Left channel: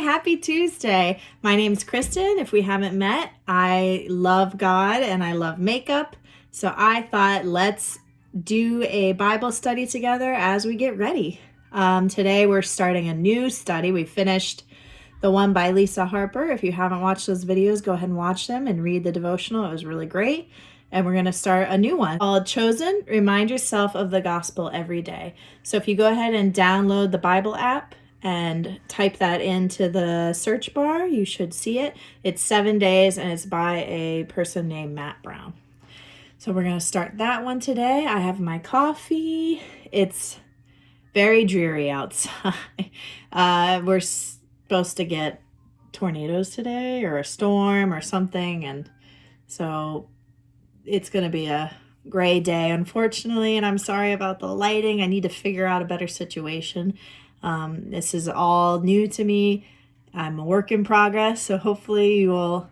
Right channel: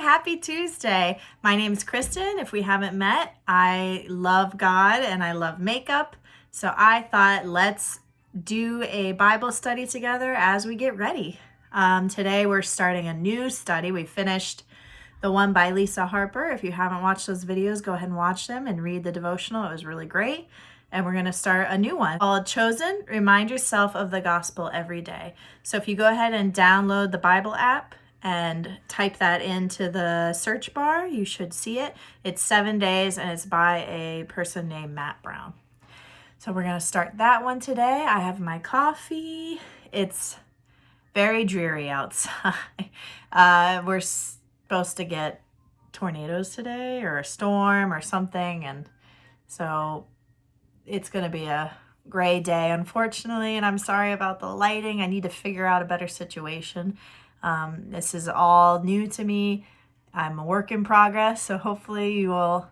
Happy Tuesday. My name is Kristen. If we haven't met, I love God and I love makeup. So I thought let's do a Bible study together as we get ready. Today we're starting a new study. We finished the one by Lisa Harper. If you haven't watched those videos, go ahead and watch them and read the devotional. It was really great. And we're going to start a new one called Chosen. Remind yourself of the gospel every day. So if you go ahead and download the Bible app and type that into the search bar, you should see it. It's 7 days and it's by a person named Matt Brown. So we're going to start that one today. I have my coffee. It's very dreary outside. We're supposed to get tornadoes today or a storm or something. And so it's going to be a gray day, unfortunately. And I'm sorry about the lighting. I need to figure out a better situation. This is all new to me. I'm a work in progress, so hopefully you will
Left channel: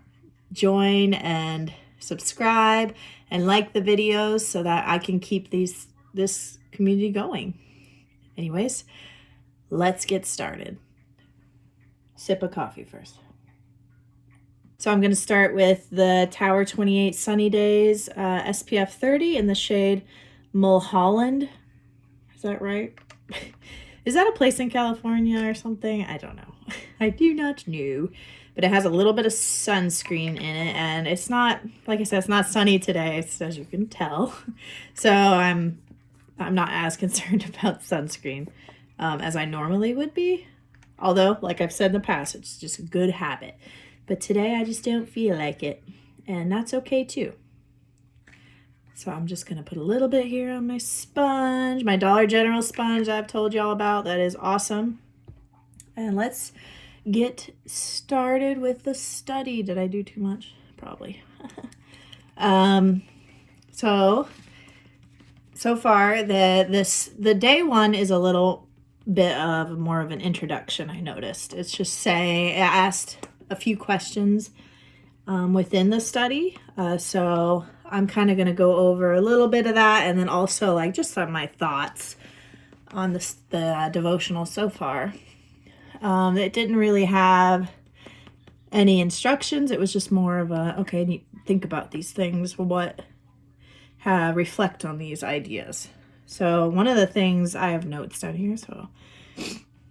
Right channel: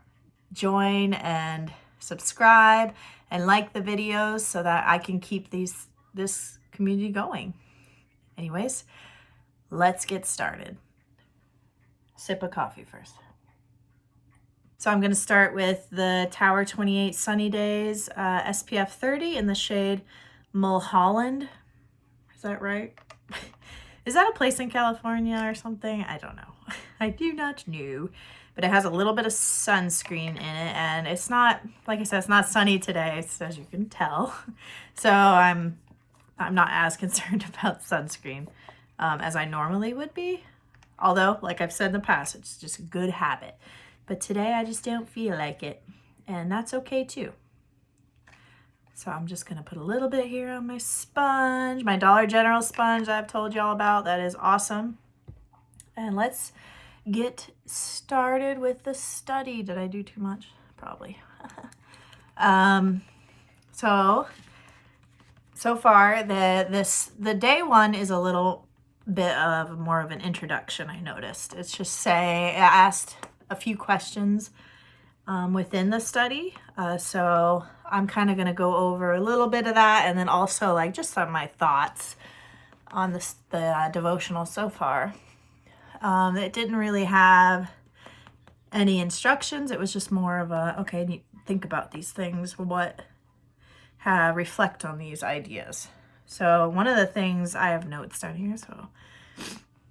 join and subscribe and like the videos so that I can keep this community going. Anyways, let's get started. Sip of coffee first. So I'm going to start with the Tower 28 Sunny Days SPF 30 in the shade Mulholland. Is that right? Is that a place in California or something? I don't know. I do not know. But it has a little bit of sunscreen in it. And it's not, like I said, it's not sunny today, as you can tell. So I'm not as concerned about sunscreen as I normally would be. Although, like I've said in the past, it's just a good habit. But today I just don't feel like it. And that's okay too. So I'm just going to put a little bit here on my sponge, my Dollar General sponge I've told you all about. That is awesome. And let's get started with the study. Did I do too much? Probably. So far, the day one is a little bit of more of an introduction, I noticed. It's just saying, I asked a few questions within the study. So I'm kind of going to go over a little bit of that, and then also like just some of my thoughts on the devotional so far. It didn't really have any instructions. It was just more of a, okay, think about these things, reflect on these ideas. So one of the things, I have notes down here, so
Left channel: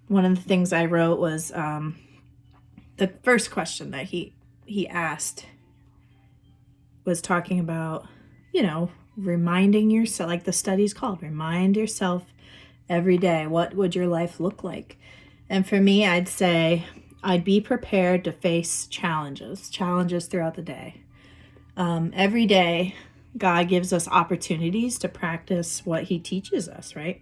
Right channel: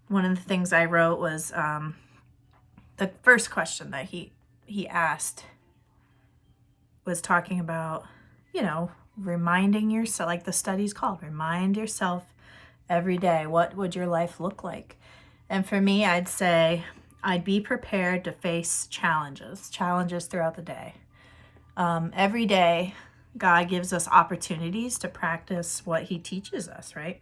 one of the things I wrote was the first question that he asked was talking about, reminding yourself, like the study's called, remind yourself every day, what would your life look like? And for me, I'd say I'd be prepared to face challenges throughout the day. Every day, God gives us opportunities to practice what he teaches us, right?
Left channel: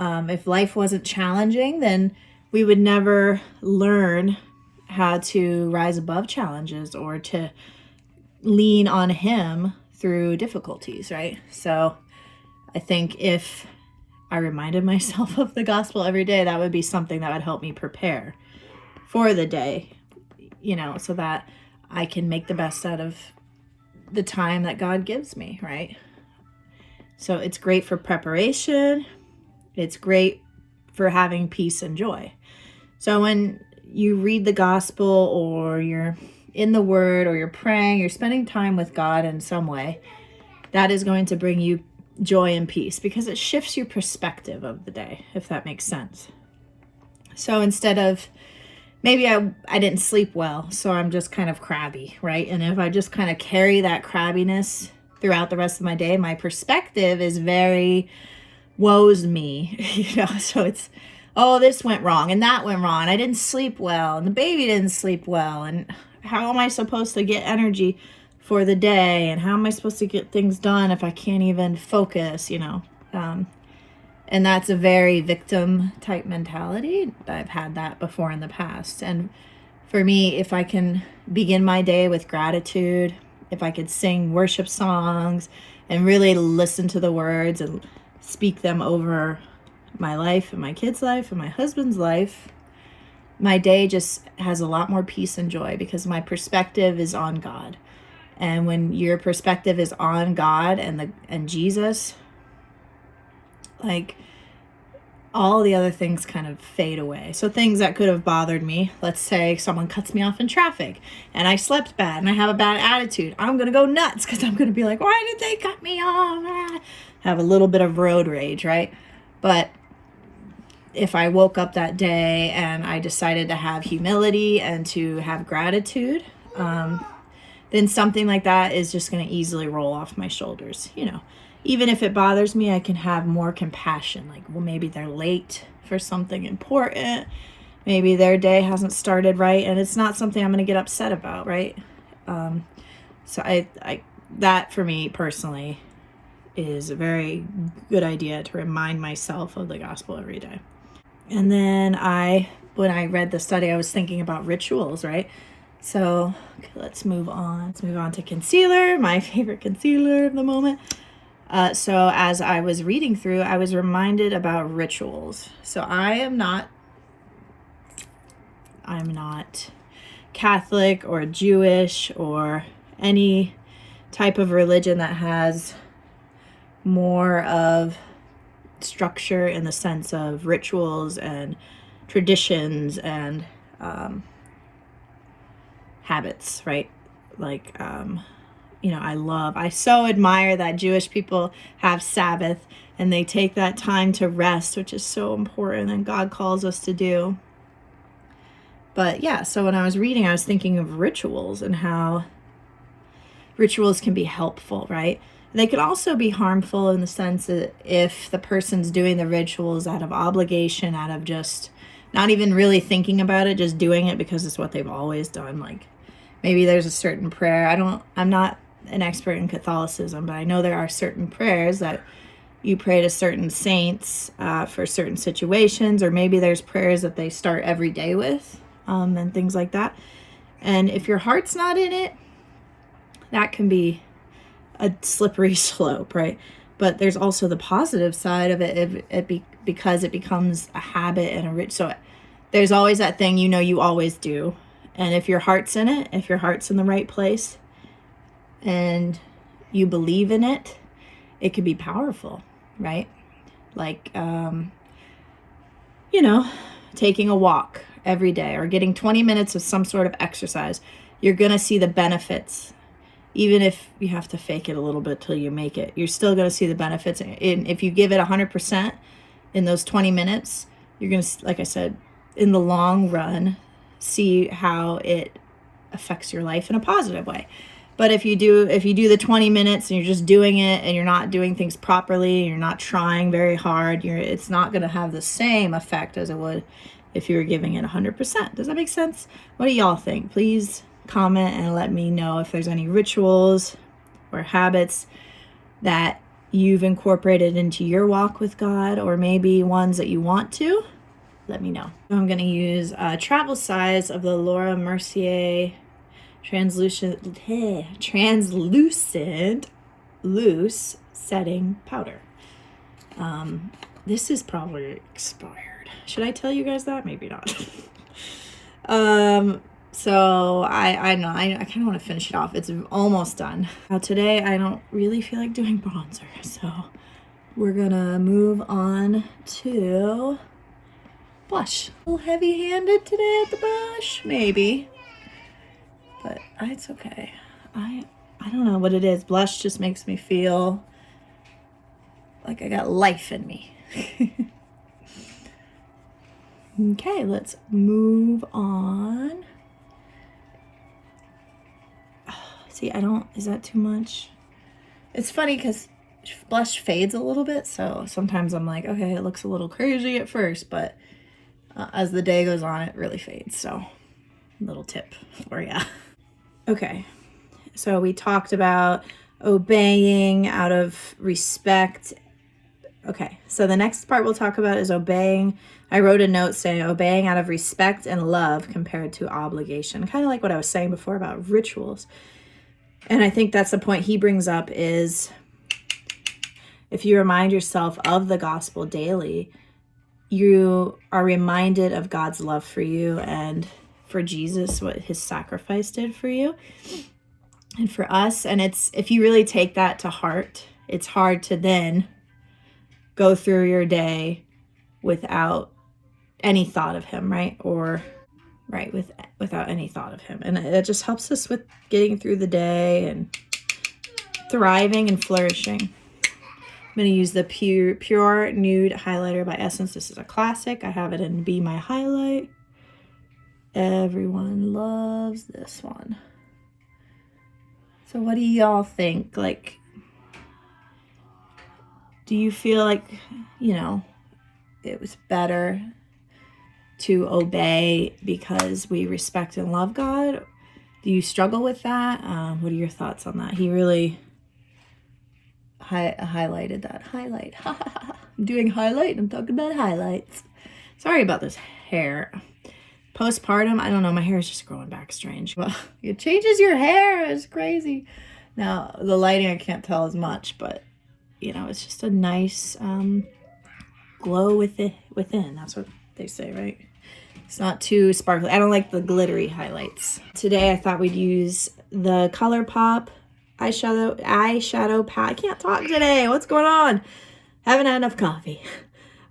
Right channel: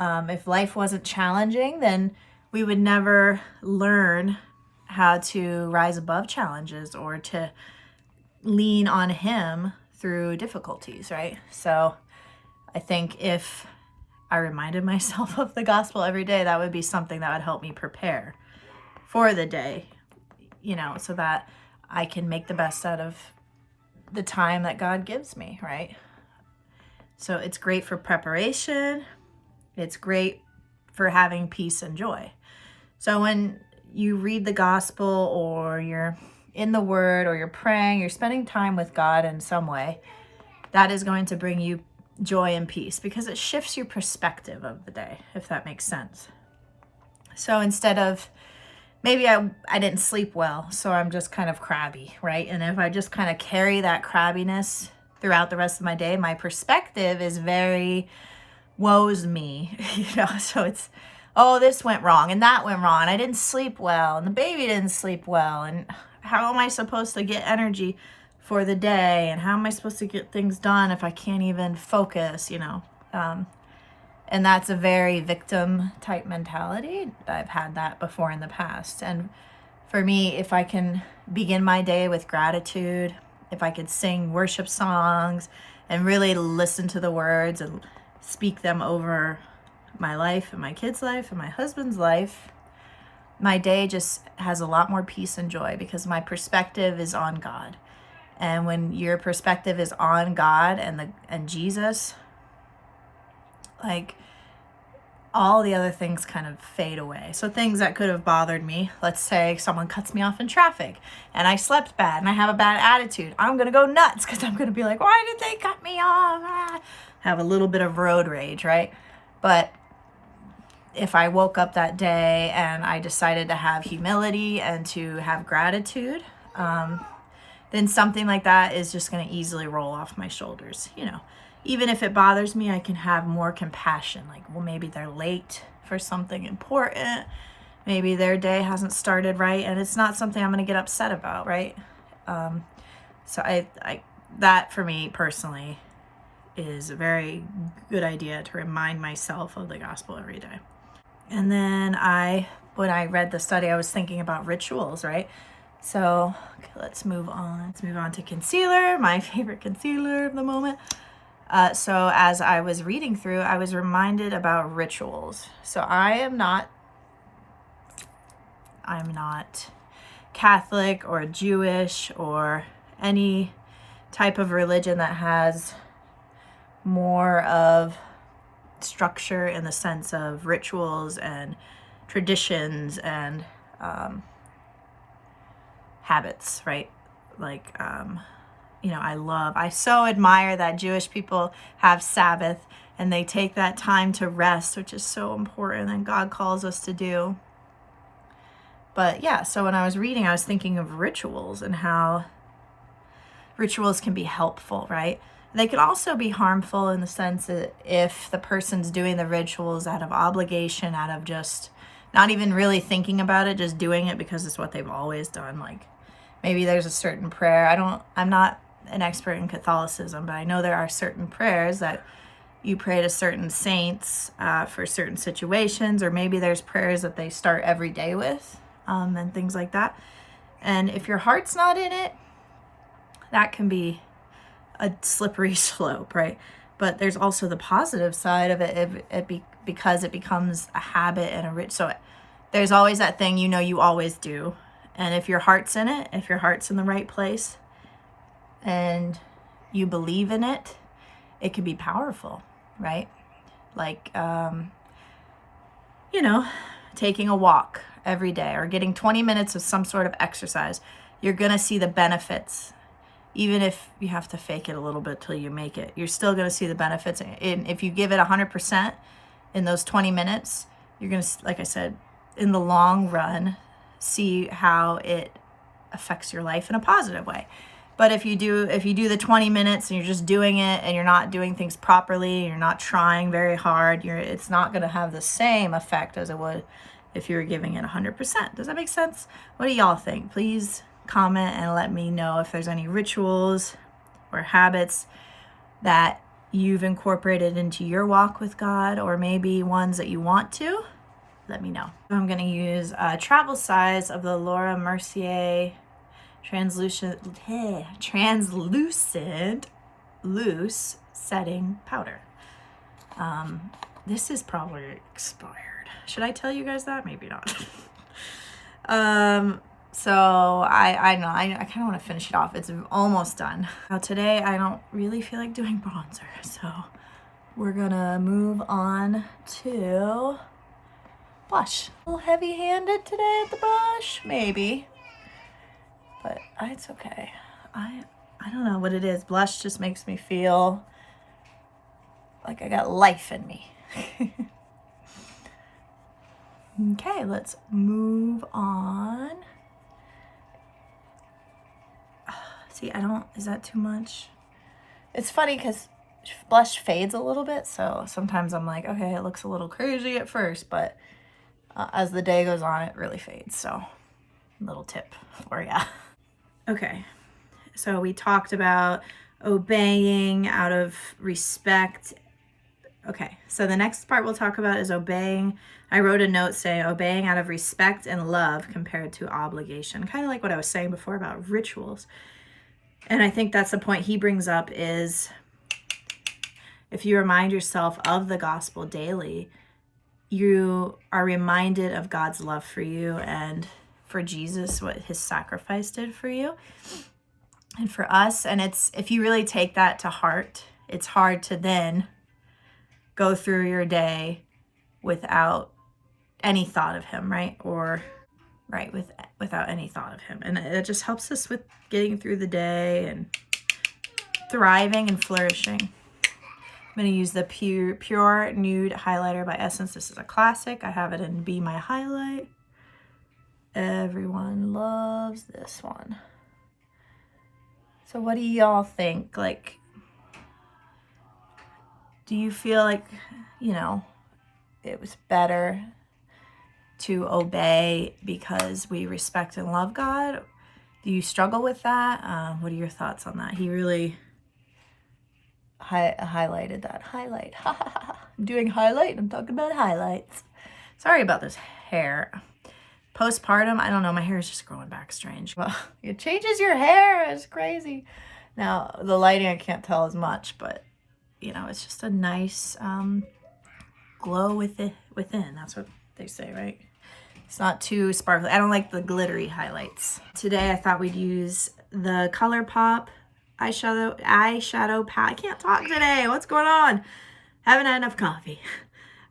If life wasn't challenging, then we would never learn how to rise above challenges or to lean on him through difficulties, right? So I think if I reminded myself of the gospel every day, that would be something that would help me prepare for the day, so that I can make the best out of the time that God gives me, right? So it's great for preparation. It's great for having peace and joy. So when you read the gospel, or you're in the word, or you're praying, you're spending time with God in some way, that is going to bring you joy and peace because it shifts your perspective of the day, if that makes sense. So instead of, maybe I didn't sleep well, so I'm just kind of crabby, right? And if I just kind of carry that crabbiness throughout the rest of my day, my perspective is very woe's me, so it's, oh, this went wrong and that went wrong. I didn't sleep well and the baby didn't sleep well. And how am I supposed to get energy for the day? And how am I supposed to get things done if I can't even focus, And that's a very victim type mentality. I've had that before in the past. And for me, if I can begin my day with gratitude, if I could sing worship songs and really listen to the words and speak them over my life and my kids' life and my husband's life, my day just has a lot more peace and joy because my perspective is on God. And when your perspective is on God and Jesus, like all the other things kind of fade away. So things that could have bothered me, let's say someone cuts me off in traffic and I slept bad and I have a bad attitude. I'm going to go nuts because I'm going to be like, why did they cut me off? Have a little bit of road rage, right? But if I woke up that day and I decided to have humility and to have gratitude, then something like that is just going to easily roll off my shoulders. You know, even if it bothers me, I can have more compassion. Like, well, maybe they're late for something important. Maybe their day hasn't started right, and it's not something I'm going to get upset about, right? So I that for me personally is a very good idea to remind myself of the gospel every day. And then when I read the study, I was thinking about rituals, right? So okay, let's move on. Let's move on to concealer, my favorite concealer of the moment. So as I was reading through, I was reminded about rituals. So I'm not Catholic or Jewish or any type of religion that has more of structure in the sense of rituals and traditions and habits, right? Like, I so admire that Jewish people have Sabbath and they take that time to rest, which is so important and God calls us to do. But yeah, so when I was reading, I was thinking of rituals and how rituals can be helpful, right? They could also be harmful in the sense that if the person's doing the rituals out of obligation, out of just not even really thinking about it, just doing it because it's what they've always done. Like maybe there's a certain prayer. I'm not an expert in Catholicism, but I know there are certain prayers that you pray to certain saints for certain situations, or maybe there's prayers that they start every day with and things like that. And if your heart's not in it, that can be a slippery slope, right? But there's also the positive side of it, because it becomes a habit and a rich. So there's always that thing you always do, and if your heart's in it, if your heart's in the right place, and you believe in it, it could be powerful, right? Like taking a walk every day or getting 20 minutes of some sort of exercise. You're gonna see the benefits. Even if you have to fake it a little bit till you make it, you're still going to see the benefits. And if you give it 100% in those 20 minutes, you're going to, like I said, in the long run, see how it affects your life in a positive way. But if you do the 20 minutes and you're just doing it and you're not doing things properly, and you're not trying very hard, it's not going to have the same effect as it would if you were giving it 100%. Does that make sense? What do y'all think? Please comment and let me know if there's any rituals or habits that you've incorporated into your walk with God, or maybe ones that you want to. Let me know. I'm going to use travel size of the Laura Mercier translucent loose setting powder. This is probably expired. Should I tell you guys that? Maybe not. So I know I kind of want to finish it off. It's almost done. Now today I don't really feel like doing bronzer, so we're gonna move on to blush. A little heavy-handed today at the blush, maybe, but it's okay. I don't know what it is. Blush just makes me feel like I got life in me. Okay, let's move on. See, is that too much? It's funny because blush fades a little bit, so sometimes I'm like, okay, it looks a little crazy at first, but as the day goes on, it really fades. So, little tip for ya. Okay, so we talked about obeying out of respect. Okay, so the next part we'll talk about is obeying. I wrote a note saying obeying out of respect and love compared to obligation. Kind of like what I was saying before about rituals. And I think that's the point he brings up is if you remind yourself of the gospel daily, you are reminded of God's love for you and for Jesus, what his sacrifice did for you and for us. And if you really take that to heart, it's hard to then go through your day without any thought of him, right? Without any thought of him. And it just helps us with getting through the day and thriving and flourishing. I'm going to use the Pure Nude Highlighter by Essence. This is a classic. I have it in Be My Highlight. Everyone loves this one. So what do y'all think? Like, do you feel like, it was better to obey because we respect and love God? Do you struggle with that? What are your thoughts on that? He really highlighted that. Highlight. I'm doing highlight. I'm talking about highlights. Sorry about this hair. Postpartum, I don't know. My hair is just growing back strange. Well, it changes your hair. It's crazy. Now, the lighting, I can't tell as much, but, it's just a nice glow within. That's what they say, right? It's not too sparkly. I don't like the glittery highlights. Today, I thought we'd use the ColourPop eyeshadow palette. I can't talk today. What's going on? Haven't had enough coffee.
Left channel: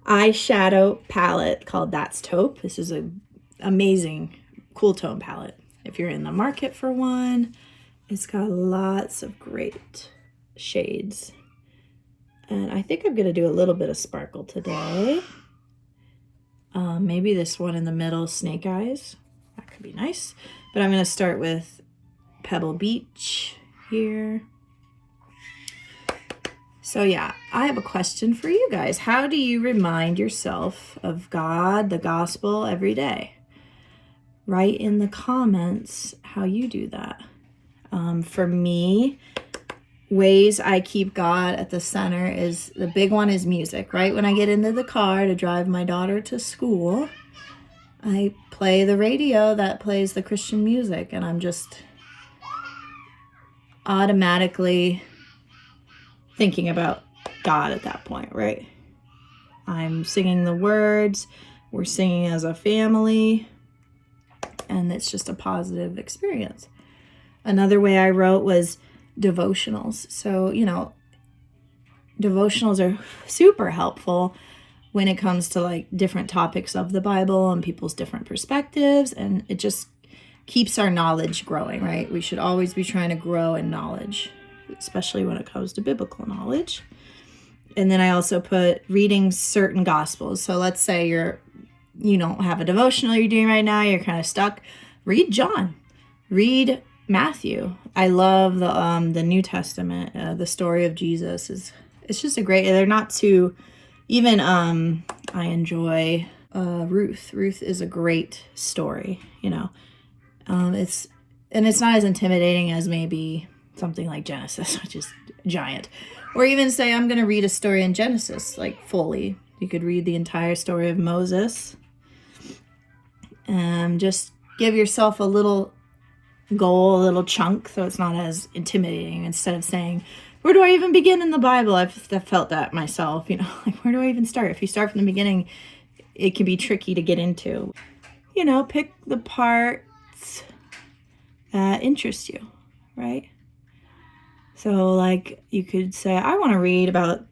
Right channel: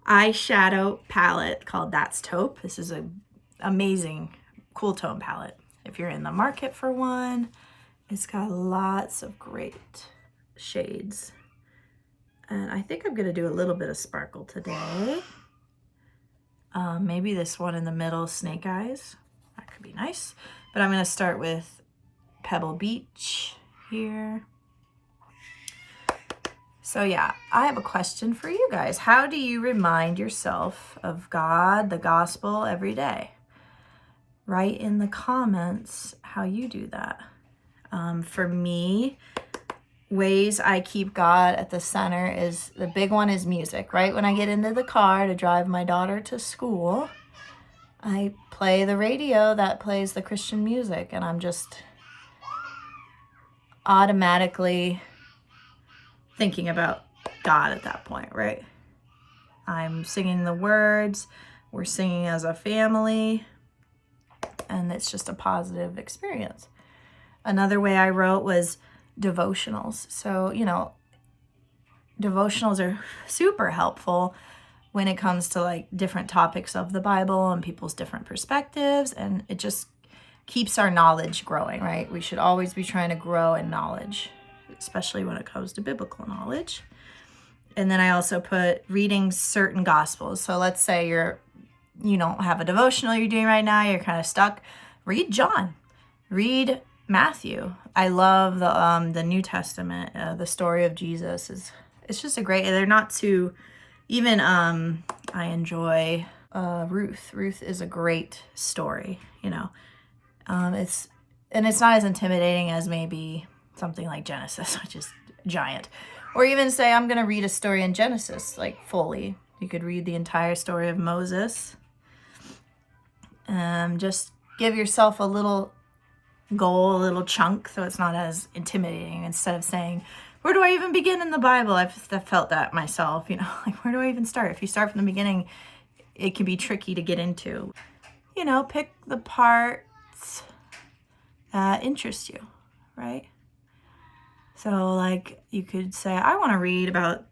Eyeshadow palette called That's Taupe. This is an amazing cool tone palette. If you're in the market for one, it's got lots of great shades. And I think I'm going to do a little bit of sparkle today. Maybe this one in the middle, Snake Eyes. That could be nice. But I'm going to start with Pebble Beach here. So yeah, I have a question for you guys. How do you remind yourself of God, the gospel, every day? Write in the comments how you do that. For me, ways I keep God at the center is, the big one is music, right? When I get into the car to drive my daughter to school, I play the radio that plays the Christian music, and I'm just automatically thinking about God at that point, right? I'm singing the words, we're singing as a family, and it's just a positive experience. Another way I wrote was devotionals. So, devotionals are super helpful when it comes to like different topics of the Bible and people's different perspectives, and it just keeps our knowledge growing, right? We should always be trying to grow in knowledge, especially when it comes to biblical knowledge. And then I also put reading certain gospels. So let's say you don't have a devotional you're doing right now, you're kind of stuck. Read John, read Matthew. I love the New Testament. The story of Jesus it's just a great. They're not too. Even I enjoy Ruth. Ruth is a great story. It's not as intimidating as maybe something like Genesis, which is giant. Or even say, I'm going to read a story in Genesis, like fully. You could read the entire story of Moses. Just give yourself a little goal, a little chunk, so it's not as intimidating. Instead of saying, where do I even begin in the Bible? I've felt that myself, like, where do I even start? If you start from the beginning, it can be tricky to get into. Pick the parts that interest you, right? So like you could say, I want to read about,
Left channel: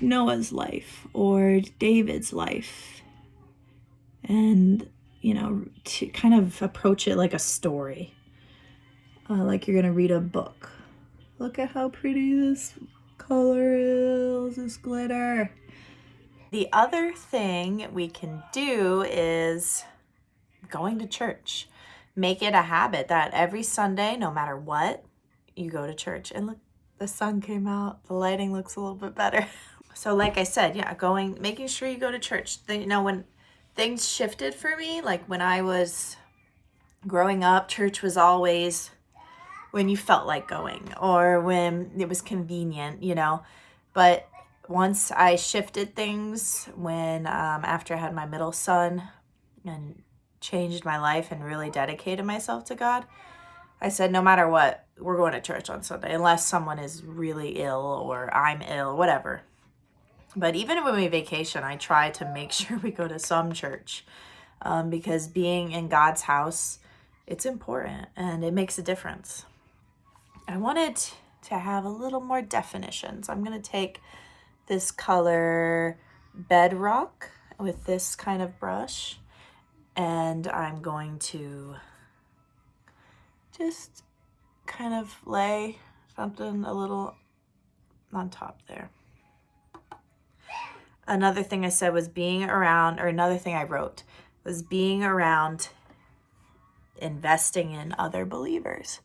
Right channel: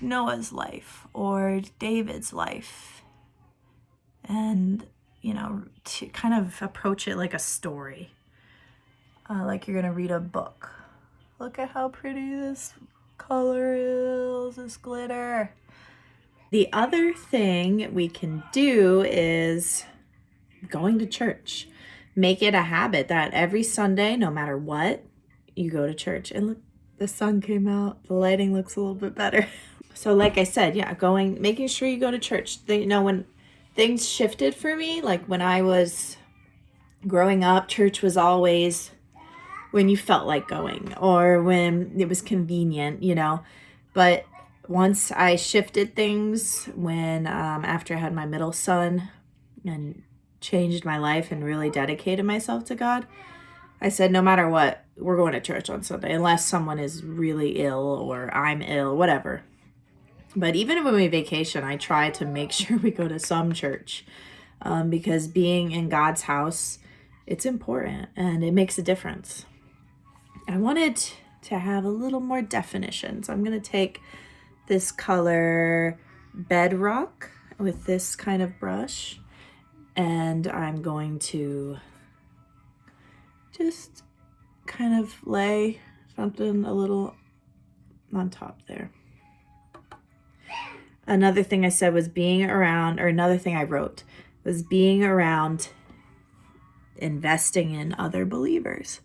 Noah's life or David's life, and to kind of approach it like a story, like you're gonna read a book. Look at how pretty this color is, this glitter. The other thing we can do is going to church. Make it a habit that every Sunday, no matter what, you go to church. And look, the sun came out. The lighting looks a little bit better. So like I said, yeah, making sure you go to church. When things shifted for me, like when I was growing up, church was always when you felt like going or when it was convenient, But once I shifted things, when after I had my middle son and changed my life and really dedicated myself to God, I said, no matter what, we're going to church on Sunday, unless someone is really ill or I'm ill, whatever. But even when we vacation, I try to make sure we go to some church, because being in God's house, it's important and it makes a difference. I wanted to have a little more definitions. I'm going to take this color Bedrock with this kind of brush, and I'm going to just kind of lay something a little on top there. Another thing I said was being around, or another thing I wrote was being around investing in other believers.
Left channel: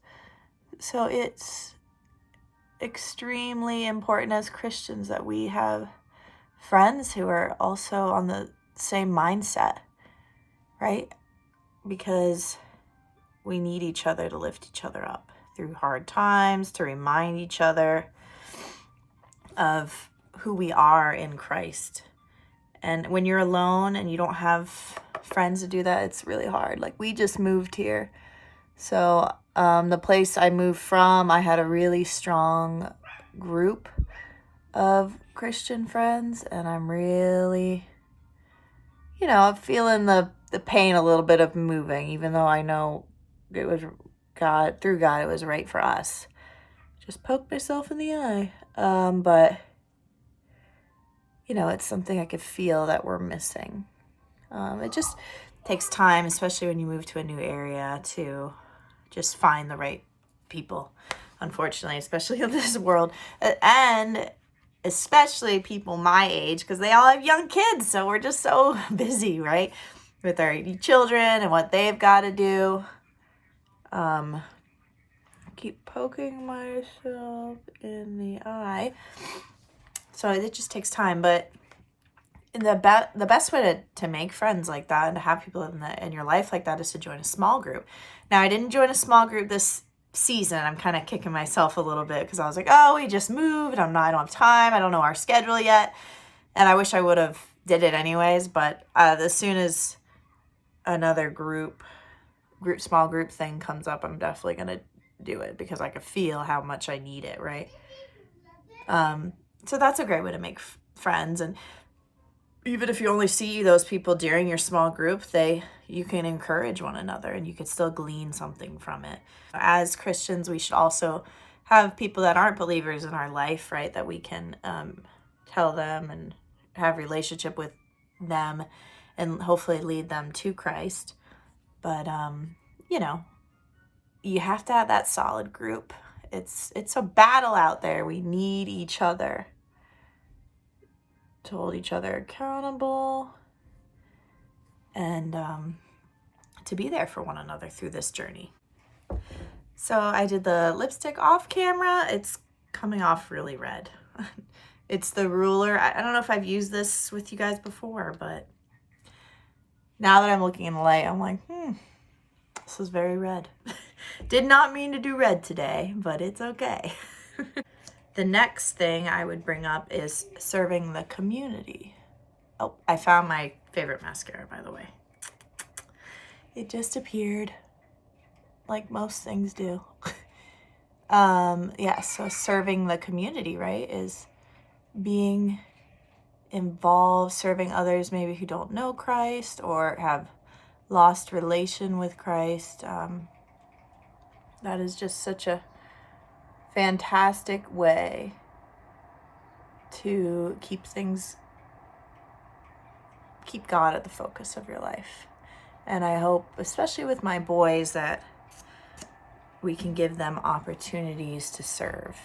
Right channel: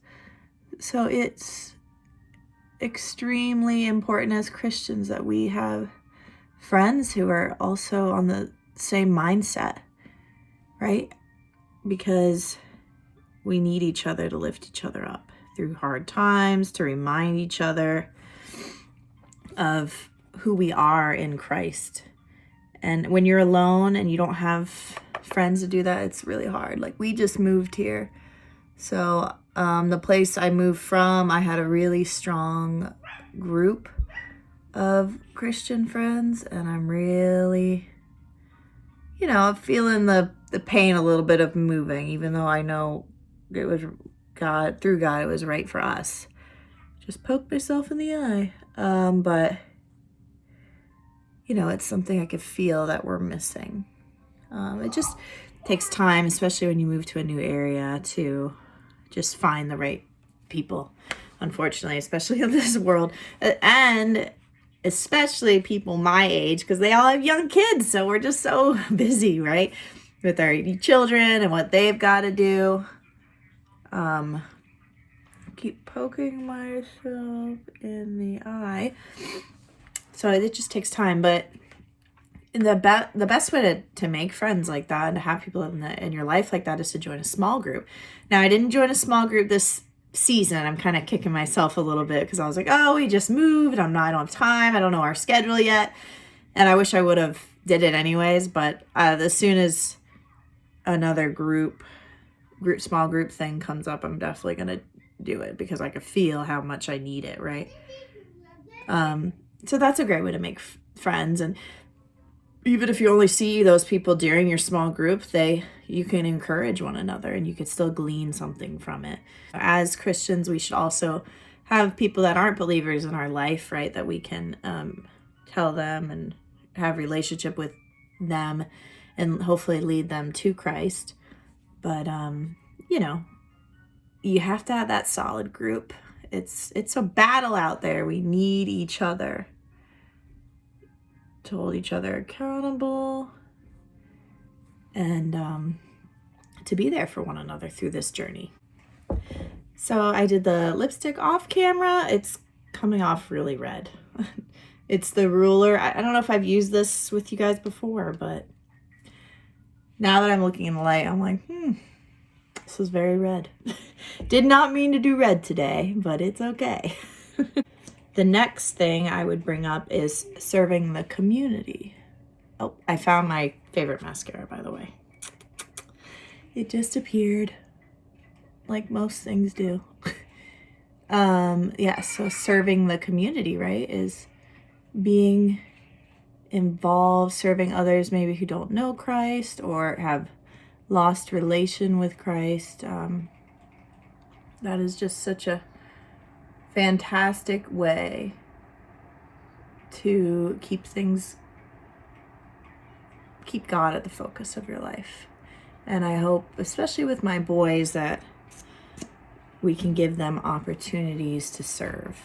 So it's extremely important as Christians that we have friends who are also on the same mindset, right? Because we need each other to lift each other up through hard times, to remind each other of who we are in Christ. And when you're alone and you don't have friends to do that, it's really hard. Like, we just moved here. So the place I moved from, I had a really strong group of Christian friends, and I'm really, I'm feeling the pain a little bit of moving, even though I know it was God, through God, it was right for us. Just poked myself in the eye. But it's something I could feel that we're missing. It just takes time, especially when you move to a new area, to just find the right people, unfortunately, especially in this world. And especially people my age, because they all have young kids. So we're just so busy, right? With our children and what they've got to do. Keep poking myself in the eye. So it just takes time. But the best way to make friends like that and to have people in your life like that is to join a small group. Now, I didn't join a small group this season. I'm kind of kicking myself a little bit because I was like, oh, we just moved. I don't have time. I don't know our schedule yet. And I wish I would have did it anyways. But as soon as another small group thing comes up, I'm definitely going to do it because I could feel how much I need it, right? So that's a great way to make friends. And even if you only see those people during your small group, you can encourage one another and you can still glean something from it. As Christians, we should also have people that aren't believers in our life, right? That we can tell them and have a relationship with them and hopefully lead them to Christ. But, you have to have that solid group. It's a battle out there. We need each other to hold each other accountable and to be there for one another through this journey. So I did the lipstick off camera. It's coming off really red. It's the ruler. I don't know if I've used this with you guys before, but now that I'm looking in the light, I'm like, this is very red. Did not mean to do red today, but it's okay. The next thing I would bring up is serving the community. Oh, I found my favorite mascara, by the way. It just appeared, like most things do. So serving the community, right, is being involved, serving others maybe who don't know Christ or have lost relation with Christ. That is just such a fantastic way to keep God at the focus of your life. And I hope, especially with my boys, that we can give them opportunities to serve.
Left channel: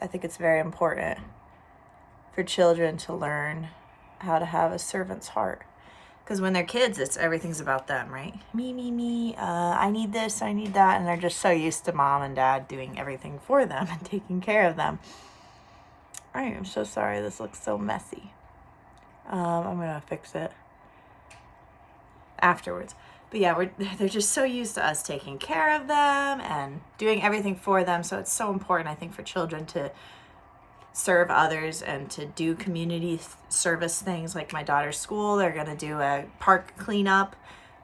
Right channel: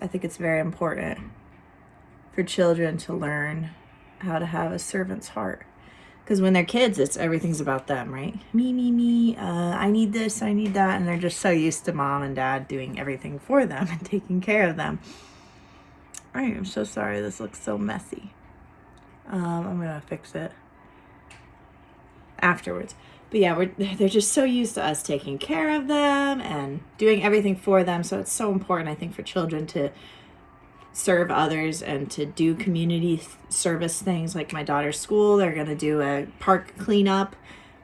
I think it's very important for children to learn how to have a servant's heart. Because when they're kids, everything's about them, right? Me. I need this, I need that. And they're just so used to mom and dad doing everything for them and taking care of them. I am so sorry this looks so messy. I'm going to fix it afterwards. But yeah, they're just so used to us taking care of them and doing everything for them. So it's so important, I think, for children to serve others and to do community service things. Like my daughter's school, they're going to do a park cleanup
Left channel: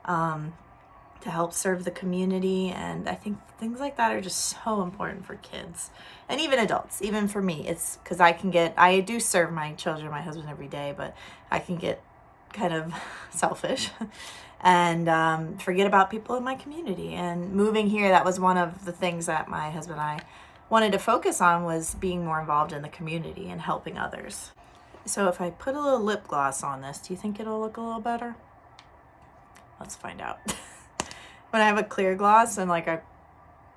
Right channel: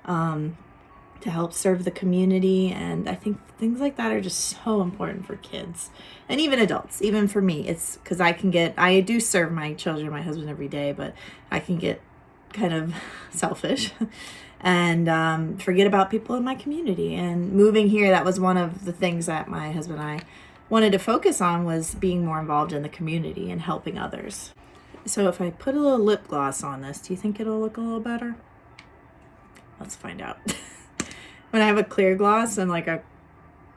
to help serve the community. And I think things like that are just so important for kids and even adults. Even for me, it's because I do serve my children, my husband, every day, but I can get kind of selfish and forget about people in my community. And moving here, that was one of the things that my husband and I wanted to focus on, was being more involved in the community and helping others. So if I put a little lip gloss on this, do you think it'll look a little better? Let's find out. When I have a clear gloss and like a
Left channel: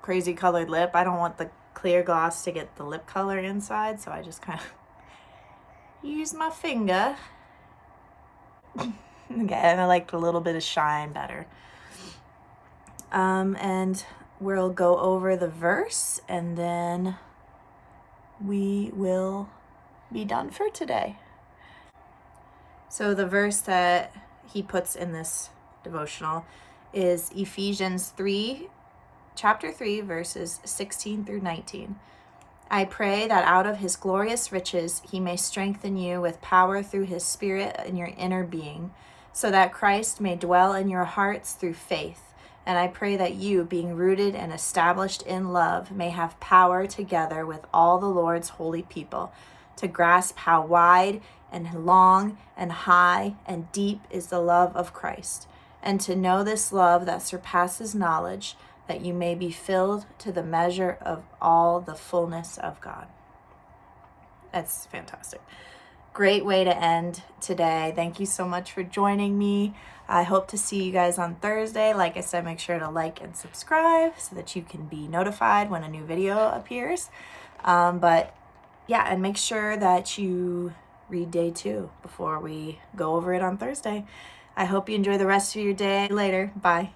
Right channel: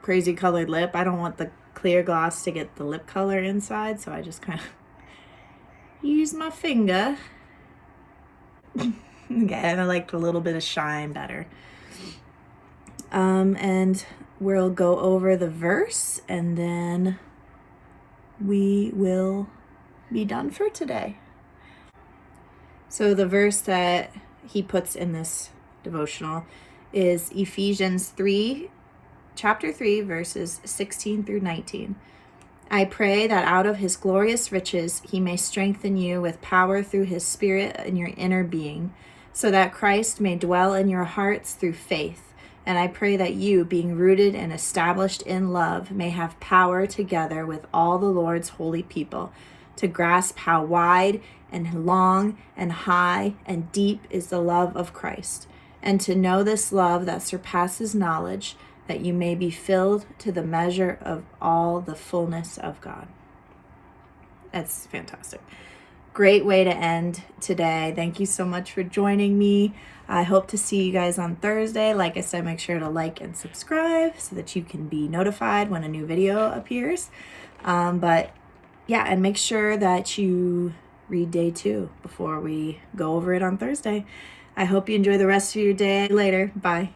crazy colored lip, I don't want the clear gloss to get the lip color inside, so I just kind of use my finger. Okay, and I like a little bit of shine better. And we'll go over the verse and then we will be done for today. So the verse that he puts in this devotional is Ephesians 3, chapter 3, verses 16 through 19. I pray that out of his glorious riches he may strengthen you with power through his Spirit in your inner being, so that Christ may dwell in your hearts through faith. And I pray that you, being rooted and established in love, may have power together with all the Lord's holy people to grasp how wide and long and high and deep is the love of Christ, and to know this love that surpasses knowledge, that you may be filled to the measure of all the fullness of God. That's fantastic. Great way to end today. Thank you so much for joining me. I hope to see you guys on Thursday. Like I said, make sure to like and subscribe so that you can be notified when a new video appears. But yeah, and make sure that you read day 2 before we go over it on Thursday. I hope you enjoy the rest of your day. Later. Bye.